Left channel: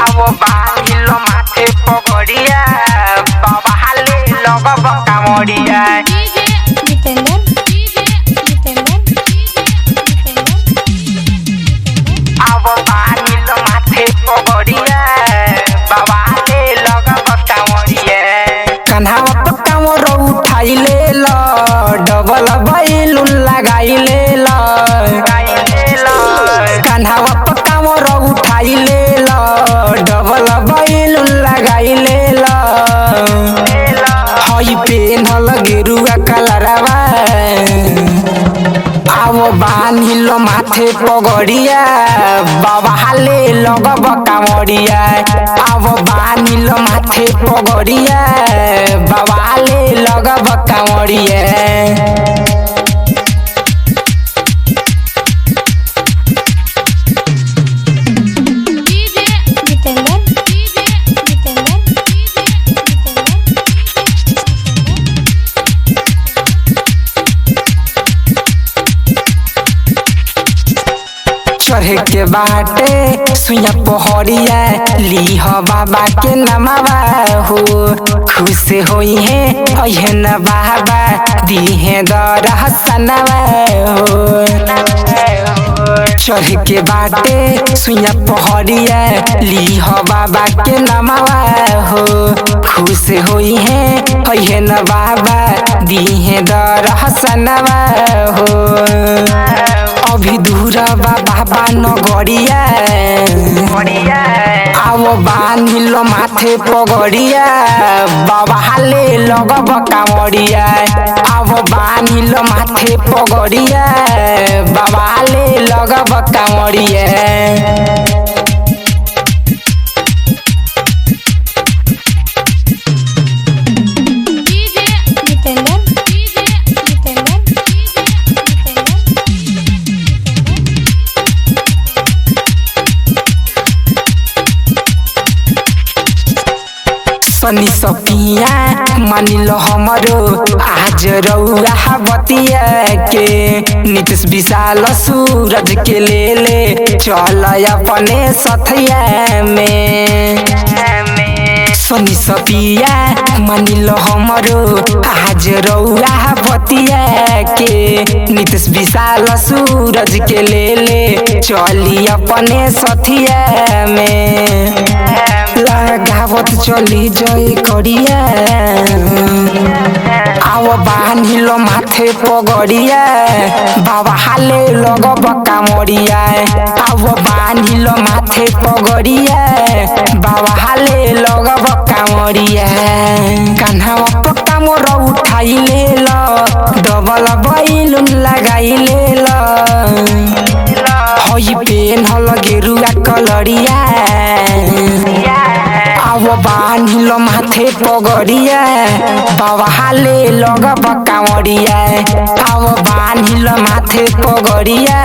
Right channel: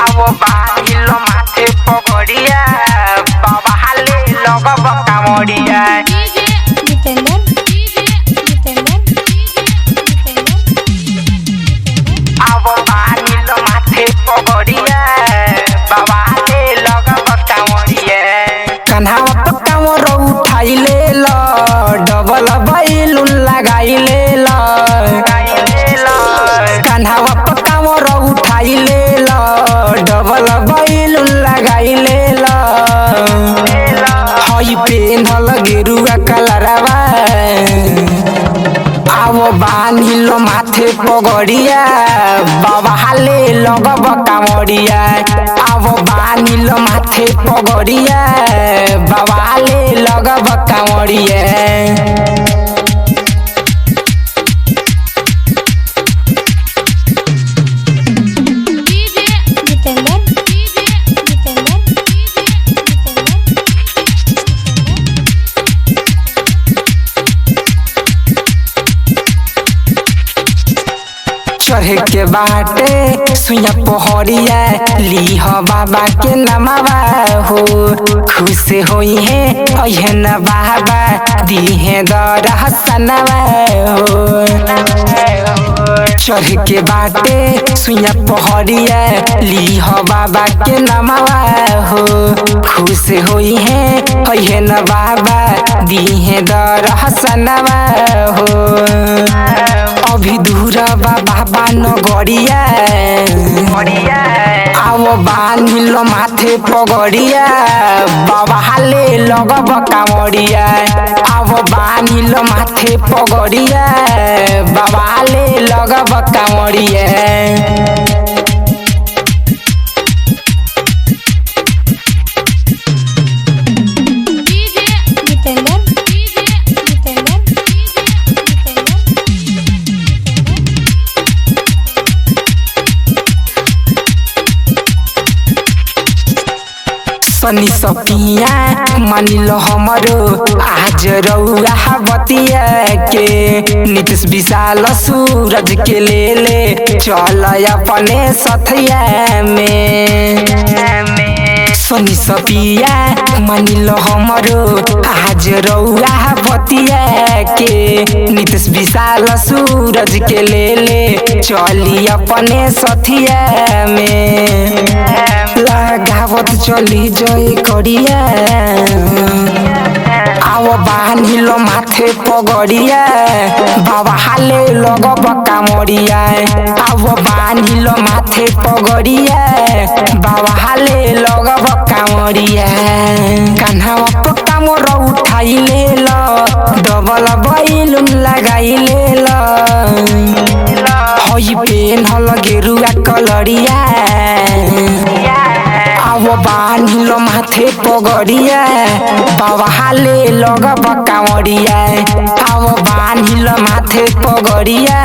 Awo bahilo mate pogodiya, baba hale logo bakamodiya. Awo bahilo mate pogodiya, baba hale logo bakamodiya. Kanhawa pakawo ro uthaile lo, double balloon lagaile lo. Kanhawa pakawo ro uthaile lo, double balloon lagaile lo. Hoy penhal geruwa kalarava, awo banilo mathe pogodiya, baba hale logo bakamodiya. Awo banilo mathe pogodiya, baba hale logo bakamodiya. चढ़े के बाटे सुइया पहड़िया लीह बाबा के नमवा हो। खुश होई है अहे न बाबा दीहे दरहसनवा हो। चढ़े के बाटे सुइया पहड़िया लीह बाबा के नमवा हो। खुश होई है अहे न बाबा दीहे दरहसनवा हो। अभी दूरा बाबा नगरिया, आवो बांधिलो माथे पगड़िया, बाबा हाले लोग बकामड़िया। आवो बांधिलो माथे पगड़िया, बाबा हाले लोग बकामड़िया। सनी सपिया मानिलो हमरो आज रउआ बतिया के। नीतीश विशाल सूरज के ले चल अपने सथिया में। सनी सपिया मानिलो हमरो आज रउआ बतिया के। नीतीश विशाल सूरज के ले चली अपने सथिया में। लगावत चली जय करिया, आओ बांधिलो माथे पगड़िया, बाबा हाले लोग बकामड़िया। आओ बांधिलो माथे पगड़िया, बाबा हाले लोग बकामड़िया। कान्हावा पकामो रो उठाइले लो, डबल बैलून लगाइले लो। होई पेन्हल गेरुआ कलरिया, आवो बांधिलो माथे पगड़िया, बाबा हाले लोग बकामड़िया। आवो बांधिलो माथे पगड़िया,